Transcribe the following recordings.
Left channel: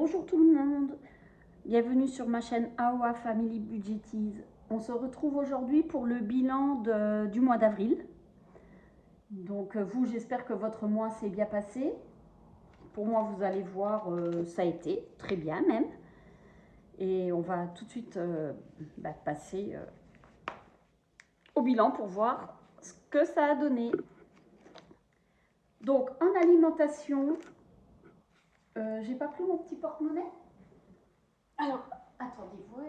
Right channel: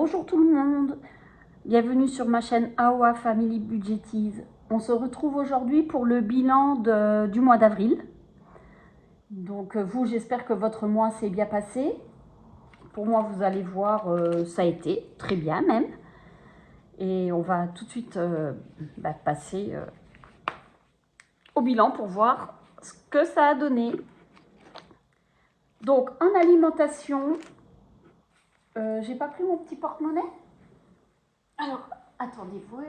Bonjour tout le monde, bienvenue sur ma chaîne AOA Family Budgetiz. On se retrouve aujourd'hui pour le bilan du mois d'avril. Donc vous, j'espère que votre mois s'est bien passé. Pour moi, vous allez voir, ça a été très bien même. Et on va tout de suite passer au bilan pour voir ce que ça a donné. Donc en alimentation, j'ai pas pris mon petit porte-monnaie. Alors, attendez, voilà.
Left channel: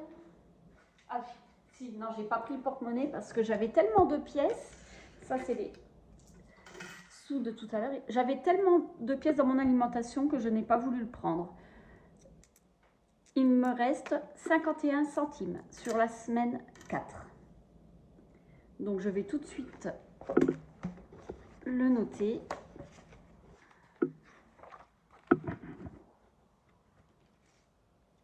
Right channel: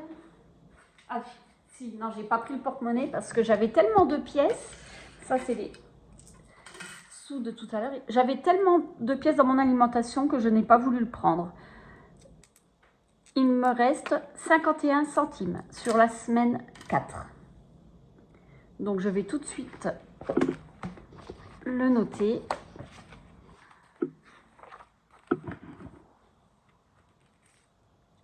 Ah, si, non, j'ai pas pris le porte-monnaie parce que j'avais tellement de pièces. Ça, c'est les sous de tout à l'heure. J'avais tellement de pièces dans mon alimentation que je n'ai pas voulu le prendre. Il me reste 51 centimes sur la semaine 4. Donc, je vais tout de suite le noter.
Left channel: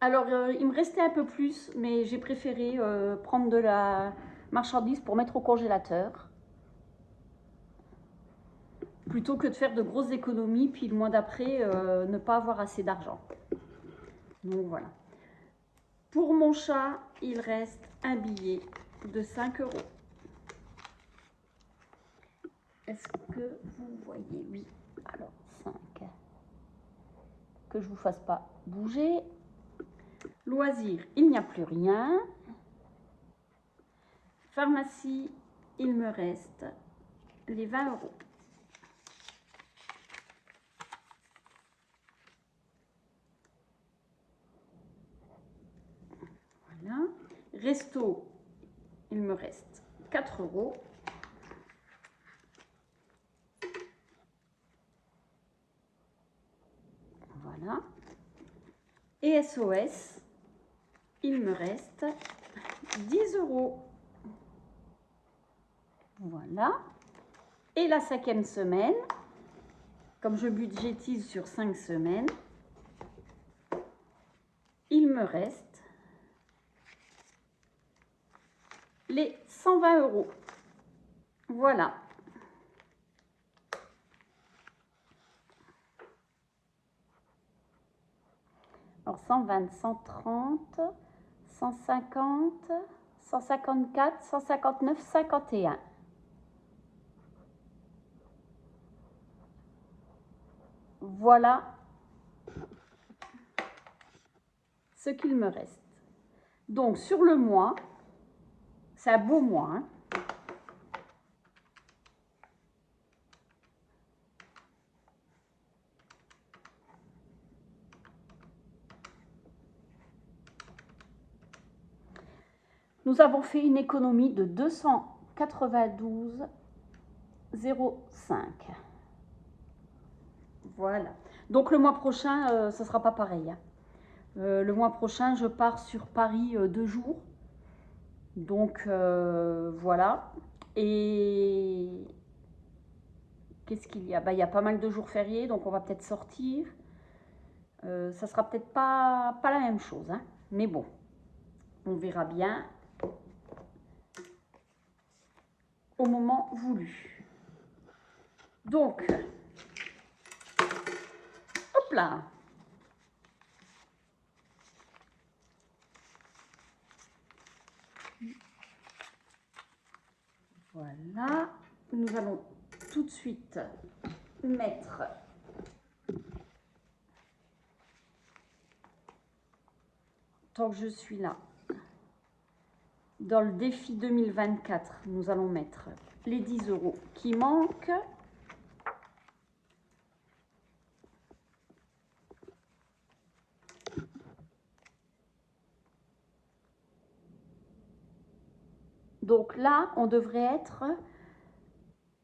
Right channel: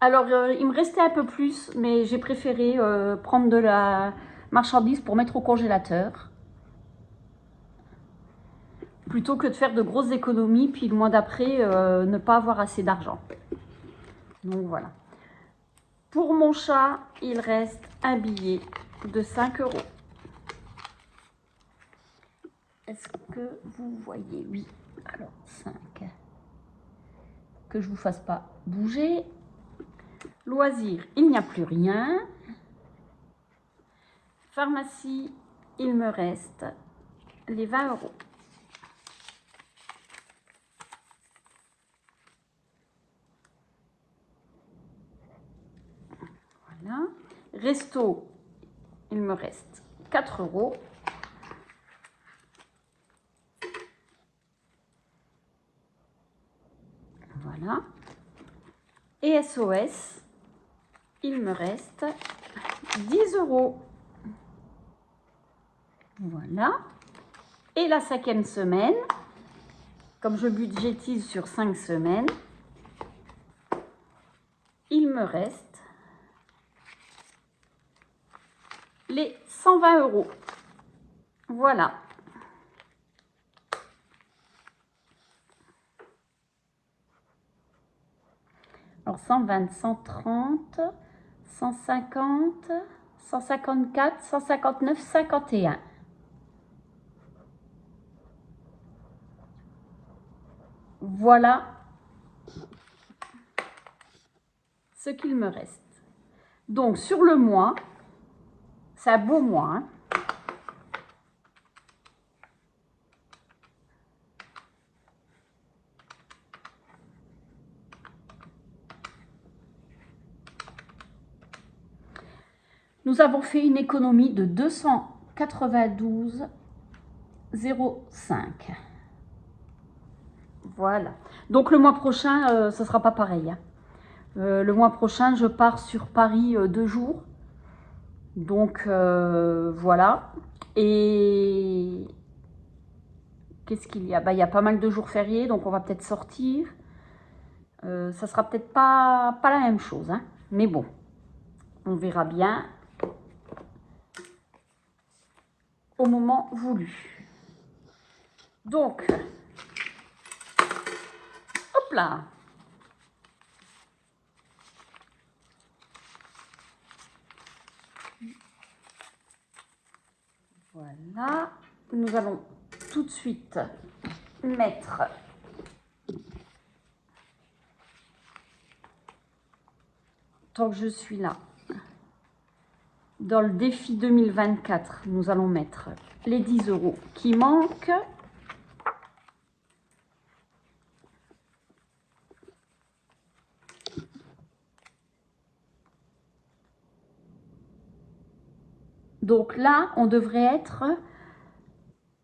Alors, il me restait un peu plus, mais j'ai préféré prendre de la marchandise pour mettre au congélateur, plutôt que de faire de grosses économies, puis le mois d'après, ne pas avoir assez d'argent. Donc, voilà. Pour mon chat, il reste un billet de 5 €. Est-ce que vous voyez? Oui. Alors, 5. Que je ne vous fasse pas bouger. Loisirs, il n'y a plus rien. Pharmacie, il me reste les 20 €. Voilà. Resto, il me reste 4 €. Voilà. Et SOS, il me reste 10 €. Voilà. Et la 5e semaine, comme je budgétise sur 5 semaines, il me reste les 120 €. Voilà. Alors 120, 130, 150, 154, 159, 51. Voilà ce qu'il me reste. Donc sur le mois, c'est un beau mois, hein. Nous avons fait une économie de 292,05 €. Voilà. Donc le mois prochain, ce ne sera pas pareil, hein. Le mois prochain, je pars sur Paris 2 jours. Donc voilà. Et qu'est-ce qu'il y a? Il y a pas mal de jours fériés, donc on va peut-être sortir. Ça sera peut-être pas la même chose, hein. Mais bon, on verra bien au moment voulu. Donc, hop là. Voilà. Nous allons tout de suite mettre tant que je suis là, dans le défi 2024, nous allons mettre les 10 € qui manquent. Donc là, on devrait être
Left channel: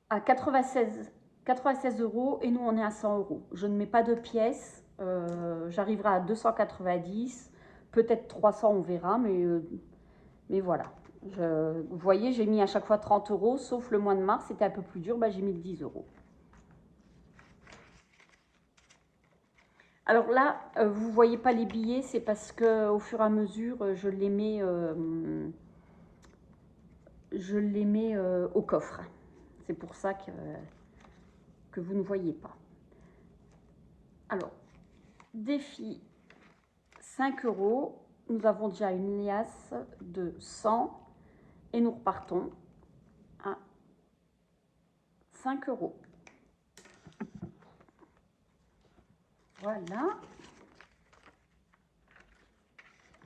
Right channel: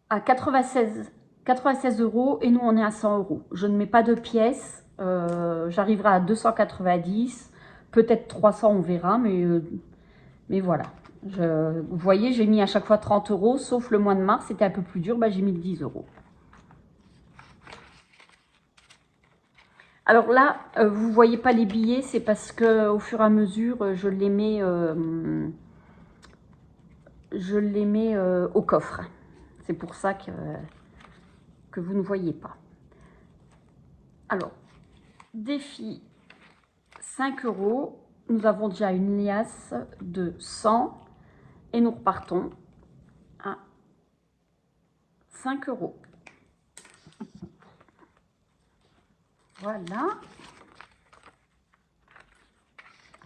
à 96 € et nous, on est à 100 €. Je ne mets pas de pièces. J'arriverai à 290, peut-être 300, on verra, mais voilà. Vous voyez, j'ai mis à chaque fois 30 €, sauf le mois de mars, c'était un peu plus dur, j'ai mis 10 €. Alors là, vous ne voyez pas les billets, c'est parce que au fur et à mesure, je les mets au coffre. C'est pour ça que vous ne voyez pas. Alors, défi 5 €. Nous avons déjà une liasse de 100 et nous repartons à 5 €. Voilà.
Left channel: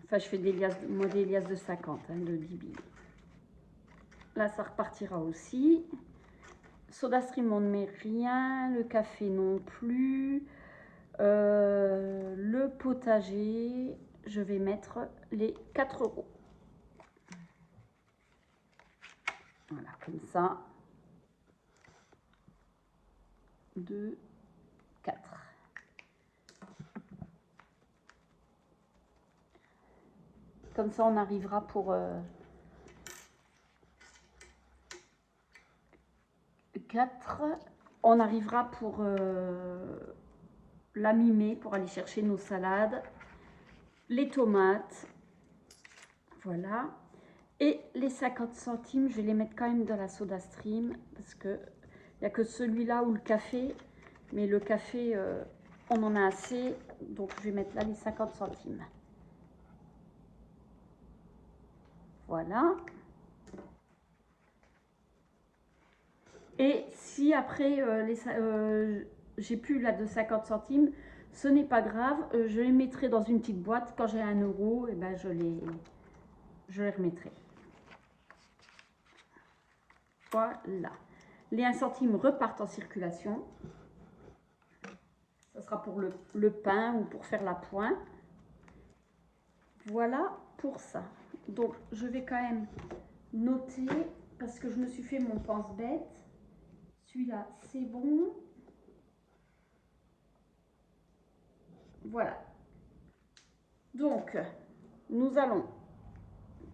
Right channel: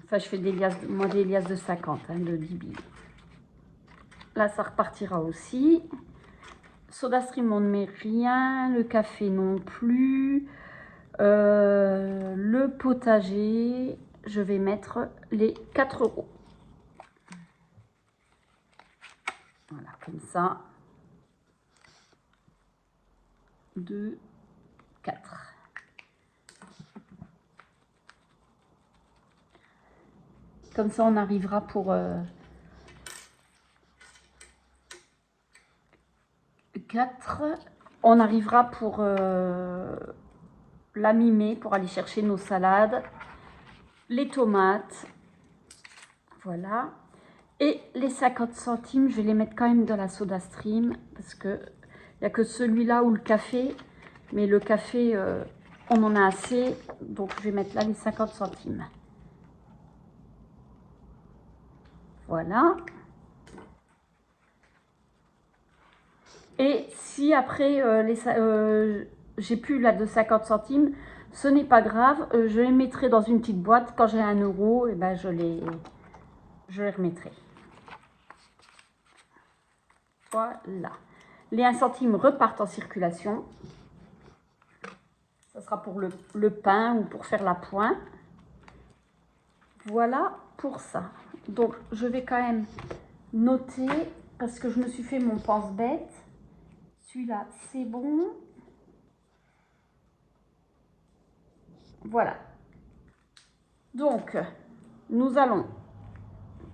Enfin, je fais des liasses, moi des liasses de 50, hein, de 10 billes. Là, ça repartira aussi. SodaStream, on ne met rien. Le café non plus. Le potager, je vais mettre les 4 €. Voilà, comme ça. 2, 4. Comme ça, on arrivera pour 4. On arrivera pour la mi-mai pour aller chercher nos salades, les tomates. Voilà. Et les 50 centimes, je vais les mettre quand même dans la SodaStream parce que il n'y a que celui-là ou le café. Mais le café, on en a assez. Donc, je vais mettre là les 50 centimes. Voilà. Et si après, j'ai plus là de 50 centimes, ce n'est pas grave. Je les mettrai dans une petite boîte. Quand j'ai 1 €, et ben je les remettrai. Voilà. Les 1 centime repartent en circulation. Ça sera pour le pain ou pour faire la pointe. Voilà pour ça. Donc, je vais quand même noter parce que je me suis fait mon pense-bête. Celui-là, c'est bon. Voilà. Donc, nous allons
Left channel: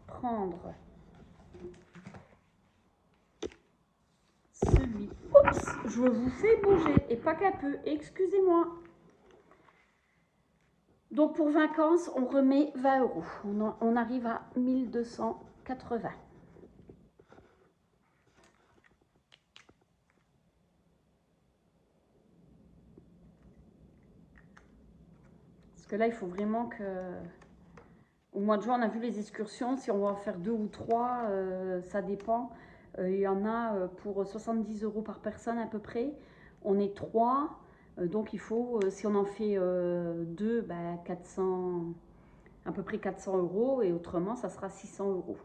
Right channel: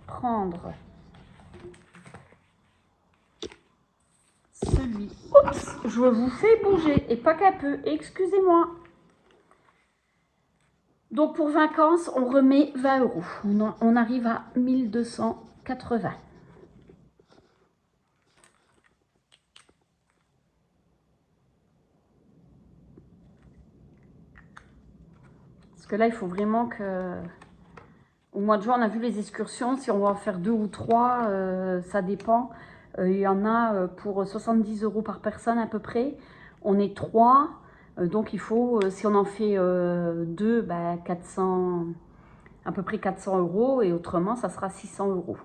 prendre celui. Oups, je vous fais bouger et pas qu'un peu. Excusez-moi. Donc, pour vacances, on remet 20 €. On arrive à 1280. Parce que là, il faut vraiment que... Au mois de juin, on a vu les excursions. Si on va en faire 2 ou 3, ça dépend. Il y en a pour 70 € par personne à peu près. On est 3. Donc, il faut, si on en fait 2, bah, 400, à peu près 400 €. Et autrement, ça sera 600 €.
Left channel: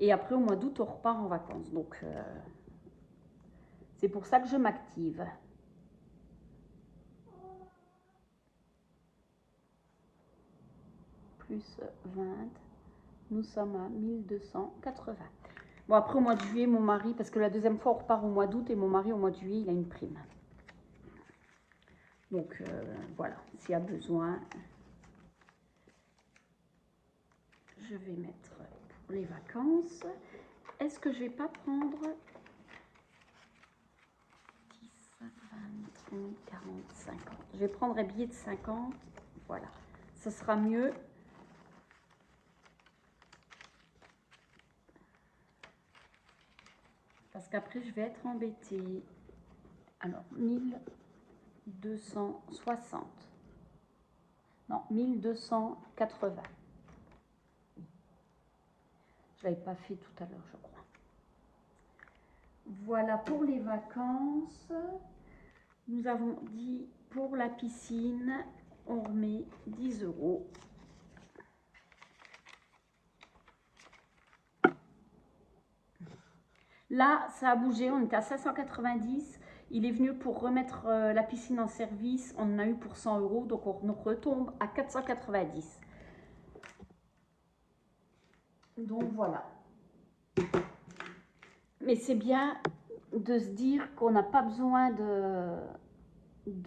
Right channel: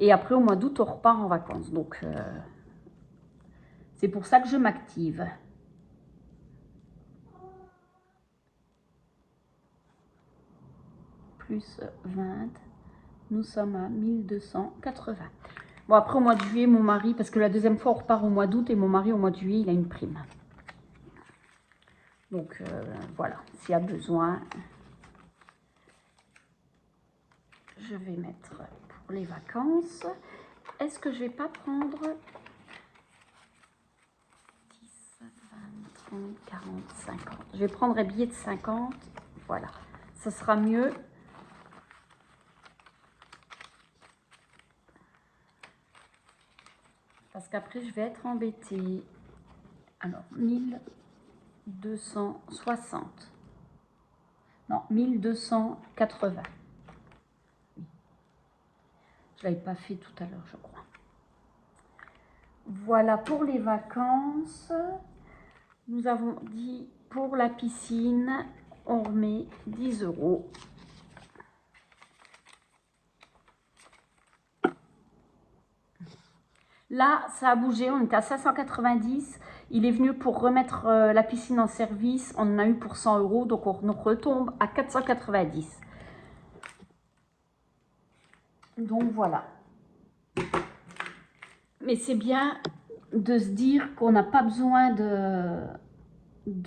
Et après, au mois d'août, on repart en vacances. Donc, c'est pour ça que je m'active. Plus 20, nous sommes à 1280. Bon, après, au mois de juillet, mon mari, parce que la deuxième fois, on repart au mois d'août, et mon mari, au mois de juillet, il a une prime. Donc, voilà, s'il y a besoin, je vais mettre pour les vacances. Est-ce que je vais pas prendre 10, 20, 30, 40, 50? Je vais prendre un billet de 50, voilà, ce sera mieux. Parce qu'après, je vais être embêtée. Alors, 1260. Non, 1280. Je ne l'avais pas fait tout à l'heure, je crois. Voilà pour les vacances. Nous avons dit pour la piscine, on remet 10 €. Là, ça a bougé, on était à 590. Il est venu pour remettre la piscine en service. On en a eu pour 100 €, donc on retombe à 490. Donc voilà. Mais c'est bien de se dire qu'on n'a pas besoin de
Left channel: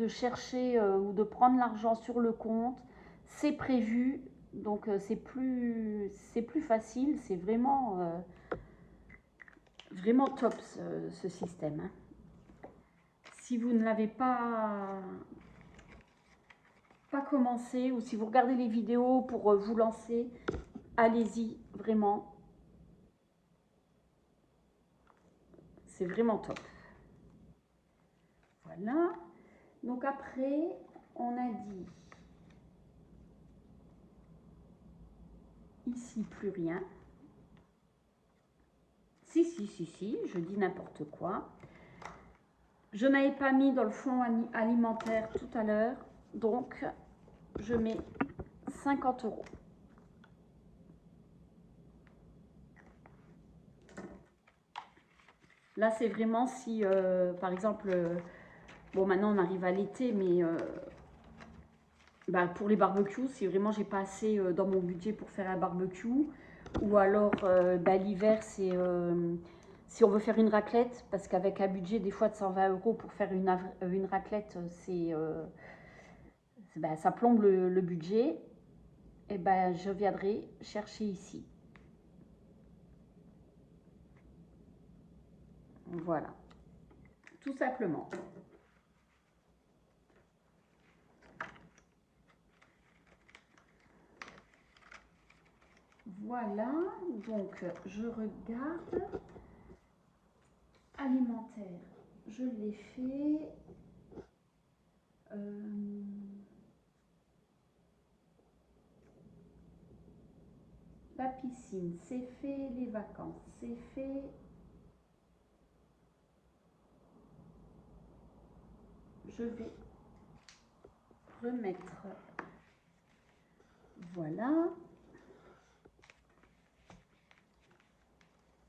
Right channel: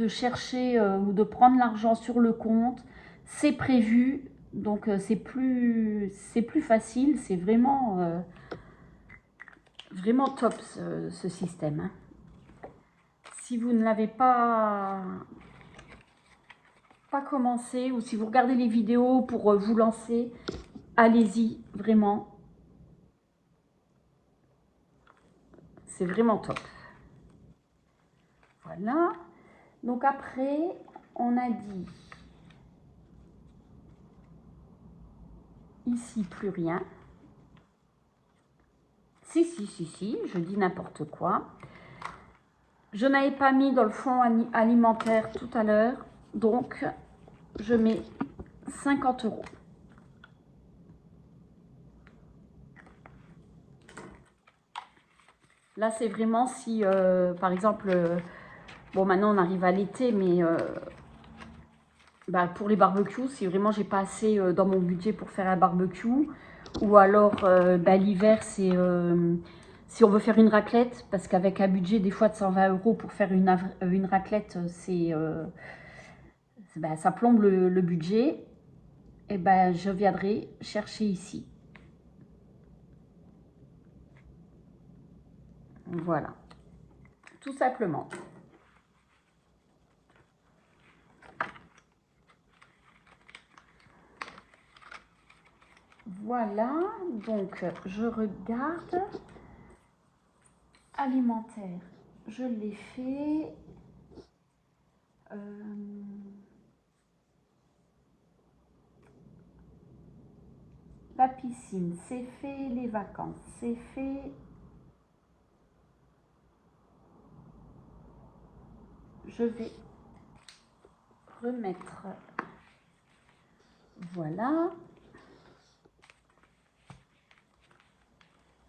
chercher ou de prendre l'argent sur le compte. C'est prévu, donc c'est plus facile. C'est vraiment... vraiment top ce système. Hein. Si vous ne l'avez pas commencé ou si vous regardez les vidéos pour vous lancer, allez-y, vraiment. C'est vraiment top. Voilà. Donc après, on a dit Ici, plus rien. Si, je dis n'importe quoi. Je n'avais pas mis dans le fonds alimentaire tout à l'heure, donc je mets 50 €. Là, c'est vraiment si, par exemple, bon, maintenant on arrive à l'été, mais bah, pour les barbecues, si vraiment j'ai pas assez dans mon budget pour faire un barbecue, ou alors bah, l'hiver, c'est si on veut faire une raclette, parce qu'avec un budget des fois de 120 € pour faire une raclette, c'est bah, ça plombe le budget, et ben je viendrai chercher ici. Voilà, tout simplement. Voilà, donc je regarde. Alimentaire, je l'ai fait. La piscine, c'est fait. Les vacances, c'est fait. Je vais remettre. Voilà.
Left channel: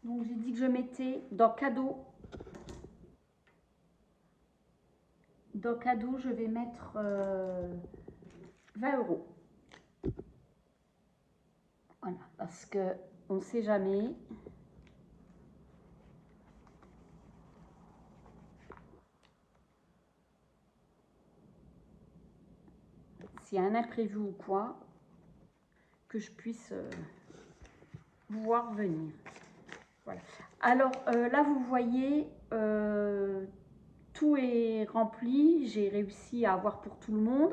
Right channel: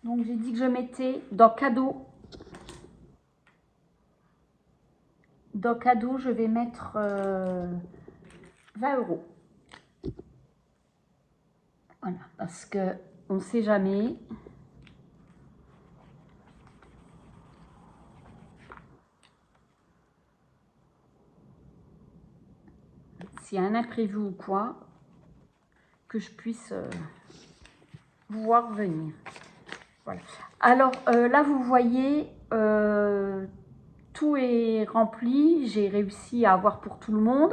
Donc j'ai dit que je mettais dans cadeau. Dans cadeau, je vais mettre 20 €. Voilà, parce que on ne sait jamais. S'il y a un imprévu ou quoi, que je puisse voir venir. Voilà. Alors là, vous voyez, tout est rempli. J'ai réussi à avoir pour tout le monde,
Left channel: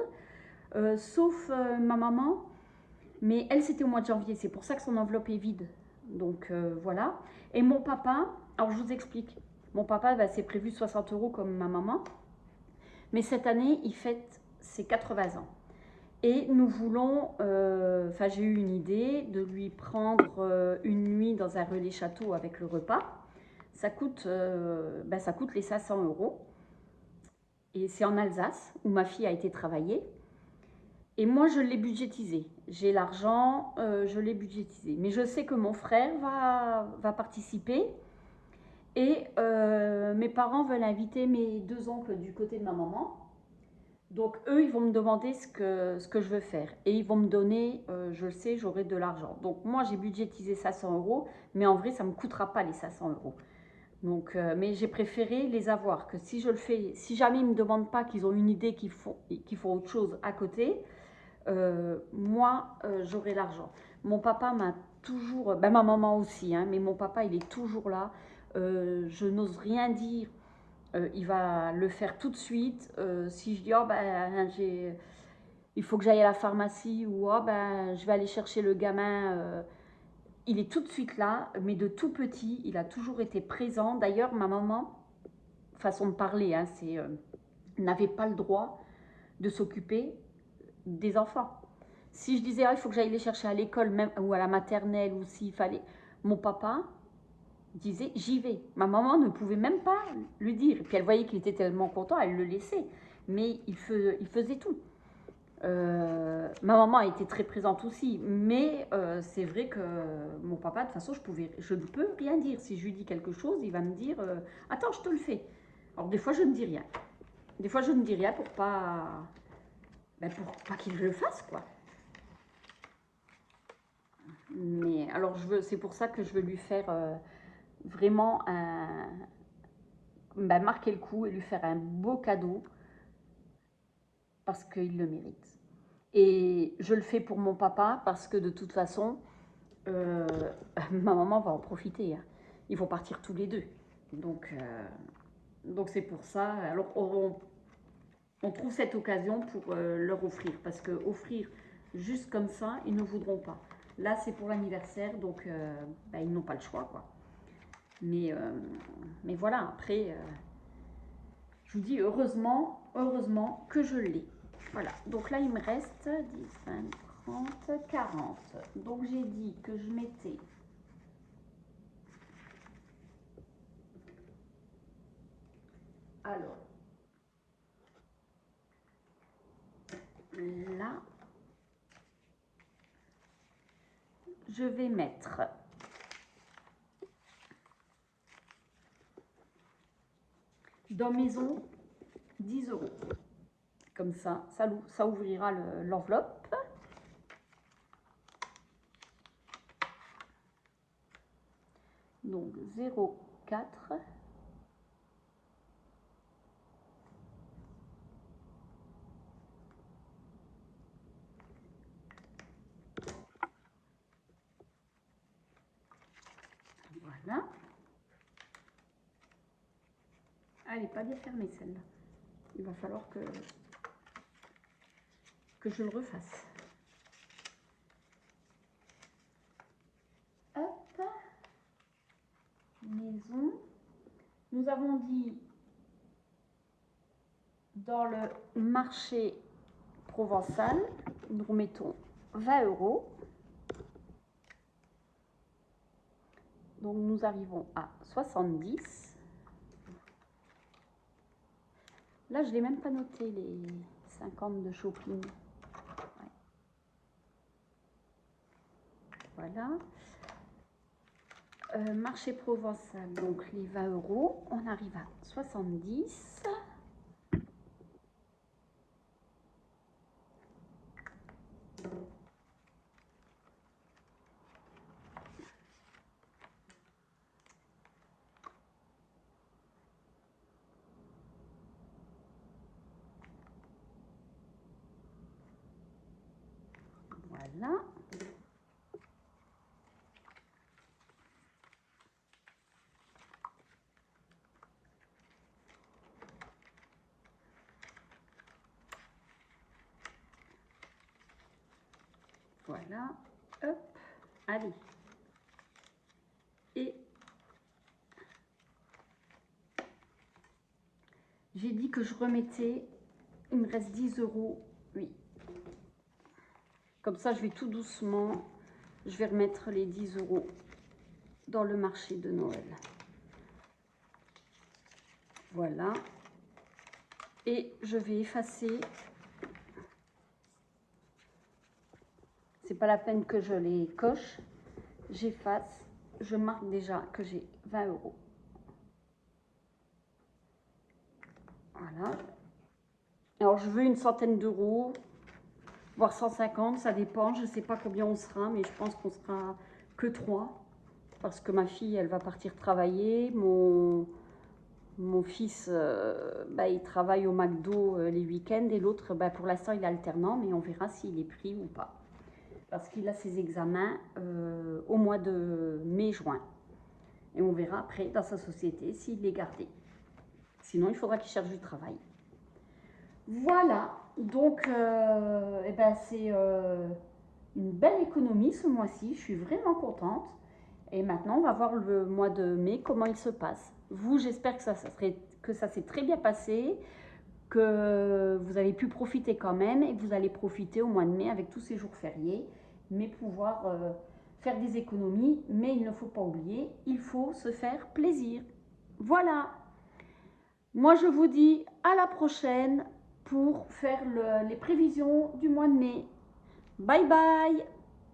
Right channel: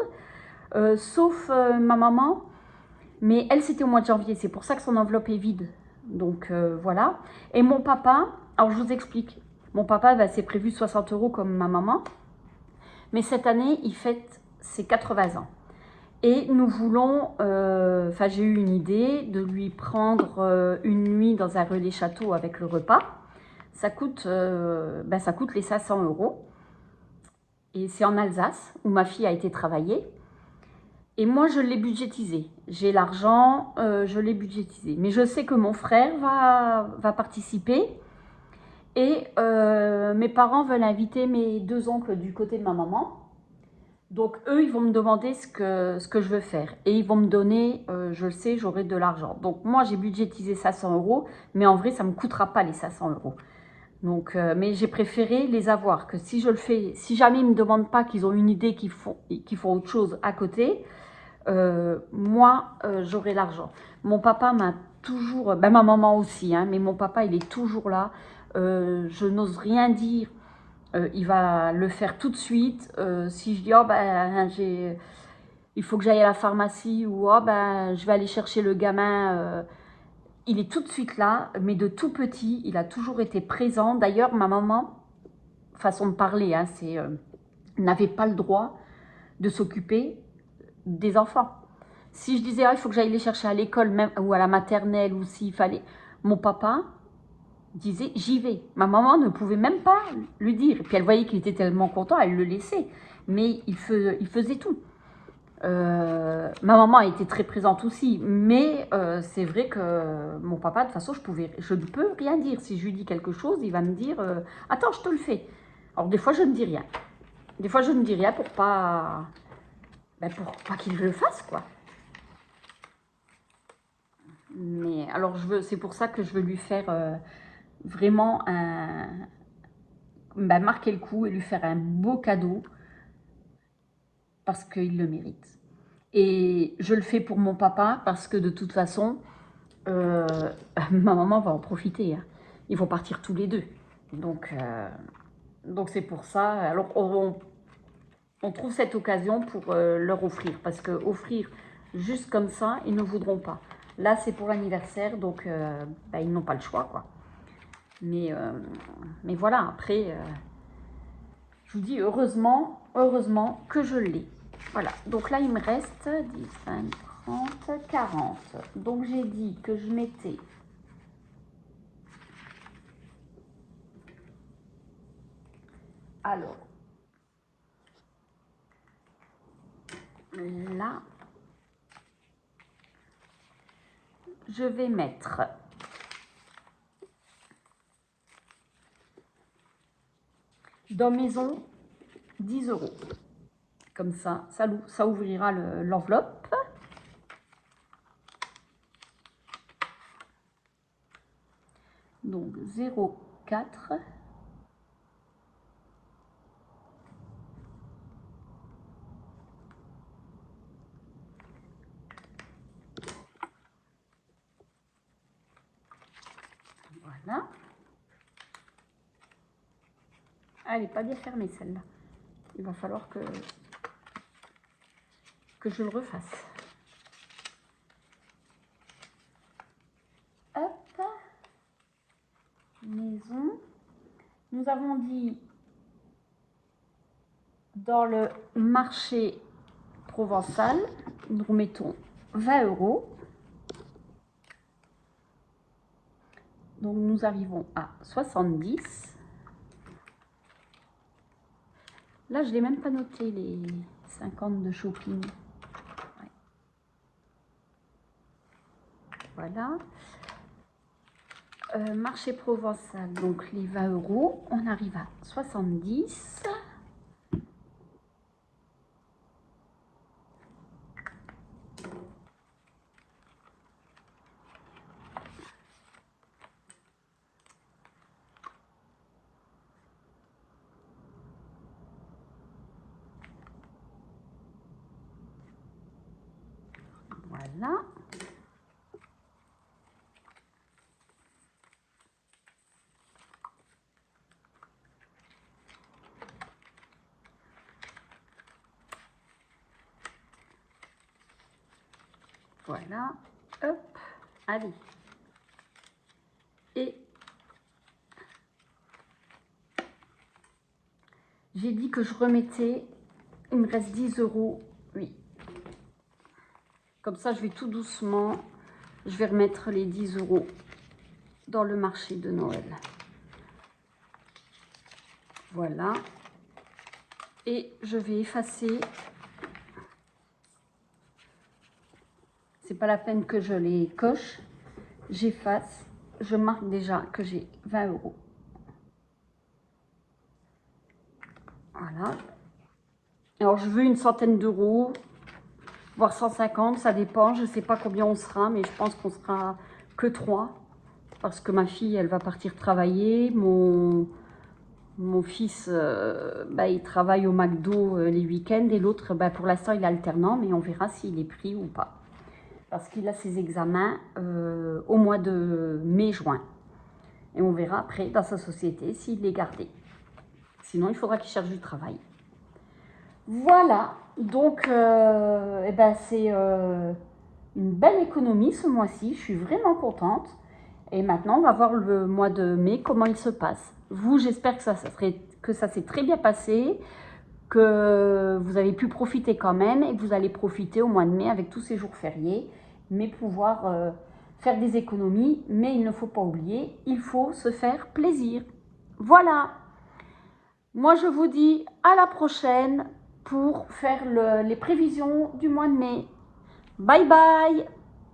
sauf ma maman. Mais elle, c'était au mois de janvier. C'est pour ça que son enveloppe est vide. Donc voilà. Et mon papa, alors je vous explique. Mon papa, bah, c'est prévu 60 € comme ma maman. Mais cette année, il fête ses 80 ans. Et nous voulons, enfin j'ai eu une idée de lui prendre une nuit dans un relais château avec le repas. Ça coûte les 500 €. Et c'est en Alsace, où ma fille a été travailler. Et moi, je l'ai budgétisé. J'ai l'argent, je l'ai budgétisé. Mais je sais que mon frère va participer. Et mes parents veulent inviter mes 2 oncles du côté de ma maman. Donc, eux, ils vont me demander ce que je veux faire. Et ils vont me donner, je le sais, j'aurai de l'argent. Donc, moi, j'ai budgétisé 500 €. Mais en vrai, ça ne me coûtera pas les 500 €. Donc, mais j'ai préféré les avoir. Que si je le fais, si jamais ils ne me demandent pas qu'ils ont une idée, qu'ils font autre chose à côté, moi, j'aurai l'argent. Mon papa m'a toujours, ben ma maman aussi, hein, mais mon papa, il est toujours là. Je n'ose rien dire. Il va le faire tout de suite. Si je dis, oh ben, il faut que j'aille à la pharmacie, ou oh ben, je vais aller chercher le gamin, il est tout de suite là, mais de tout petit, il a toujours été présent. D'ailleurs, ma maman, façon de parler, hein, n'avait pas le droit de s'occuper des enfants. Si je disais, ah, il faut que j'aille les chercher à l'école même, ou à la maternelle, ou s'il fallait, mon papa disait, j'y vais. Ma maman ne pouvait même pas lui dire. Puis elle voyait qu'il était tellement content, elle le laissait. Mais il faisait tout. Ma maman a été très présente aussi, mais c'est vrai que mon papa, de toute façon, je ne peux rien dire. Si je lui dis quelque chose, il va me dire attends, je te le fais. Alors des fois, je ne dis rien. Des fois, je ne dis rien pour pas qu'il le fasse, quoi. Mais alors, c'est pour ça que je veux lui faire vraiment marquer le coup et lui faire un beau cadeau parce qu'il le mérite. Et je le fais pour mon papa parce que de toute façon, ma maman va en profiter. Hein. Ils vont partir tous les deux. Donc c'est pour ça. Alors on trouve cette occasion pour leur offrir. Parce que offrir juste comme ça, ils ne voudront pas. Là, c'est pour l'anniversaire, donc ils n'ont pas le choix, quoi. Mais voilà, après, je vous dis heureusement que je l'ai. Voilà, donc là, il me reste 10, 20, 30. 40. Donc j'ai dit que je mettais alors là, je vais mettre dans maison 10 €. Comme ça, ça ouvrira l'enveloppe. Donc 0,4. Voilà. Elle n'est pas bien fermée celle-là. Il va falloir que je le refasse. Hop. Maison. Nous avons dit dans le marché provençal, nous mettons 20 €. Donc nous arrivons à 70. Là, je n'ai même pas noté les 50 de shopping. Ouais. Voilà. Marché provençal, donc les 20 €, on arrive à 70. Voilà. Voilà. Hop. Allez. Et j'ai dit que je remettais, il me reste 10 €. Oui. Comme ça, je vais tout doucement, je vais remettre les 10 € dans le marché de Noël. Voilà. Et je vais effacer. C'est pas la peine que je les coche. J'efface. Je marque déjà que j'ai 20 €. Voilà. Alors, je veux une centaine d'euros, voire 150, ça dépend. Je ne sais pas combien on sera, mais je pense qu'on sera que 3. Parce que ma fille, elle va partir travailler. Mon fils, il travaille au McDo les week-ends. Et l'autre, pour l'instant, il est alternant, mais on verra s'il est pris ou pas. Parce qu'il a ses examens au mois de mai-juin. Et on verra après dans sa société s'il est gardé. Sinon, il faudra qu'il cherche du travail. Voilà, donc c'est une belle économie ce mois-ci. Je suis vraiment contente. Et maintenant, on va voir le mois de mai, comment il se passe. Vous, j'espère que ça s'est très bien passé, que vous avez pu profiter quand même et que vous allez profiter au mois de mai avec tous ces jours fériés, mais pouvoir faire des économies. Mais il ne faut pas oublier, il faut se faire plaisir. Voilà. Moi, je vous dis à la prochaine pour faire les prévisions du mois de mai. Bye bye!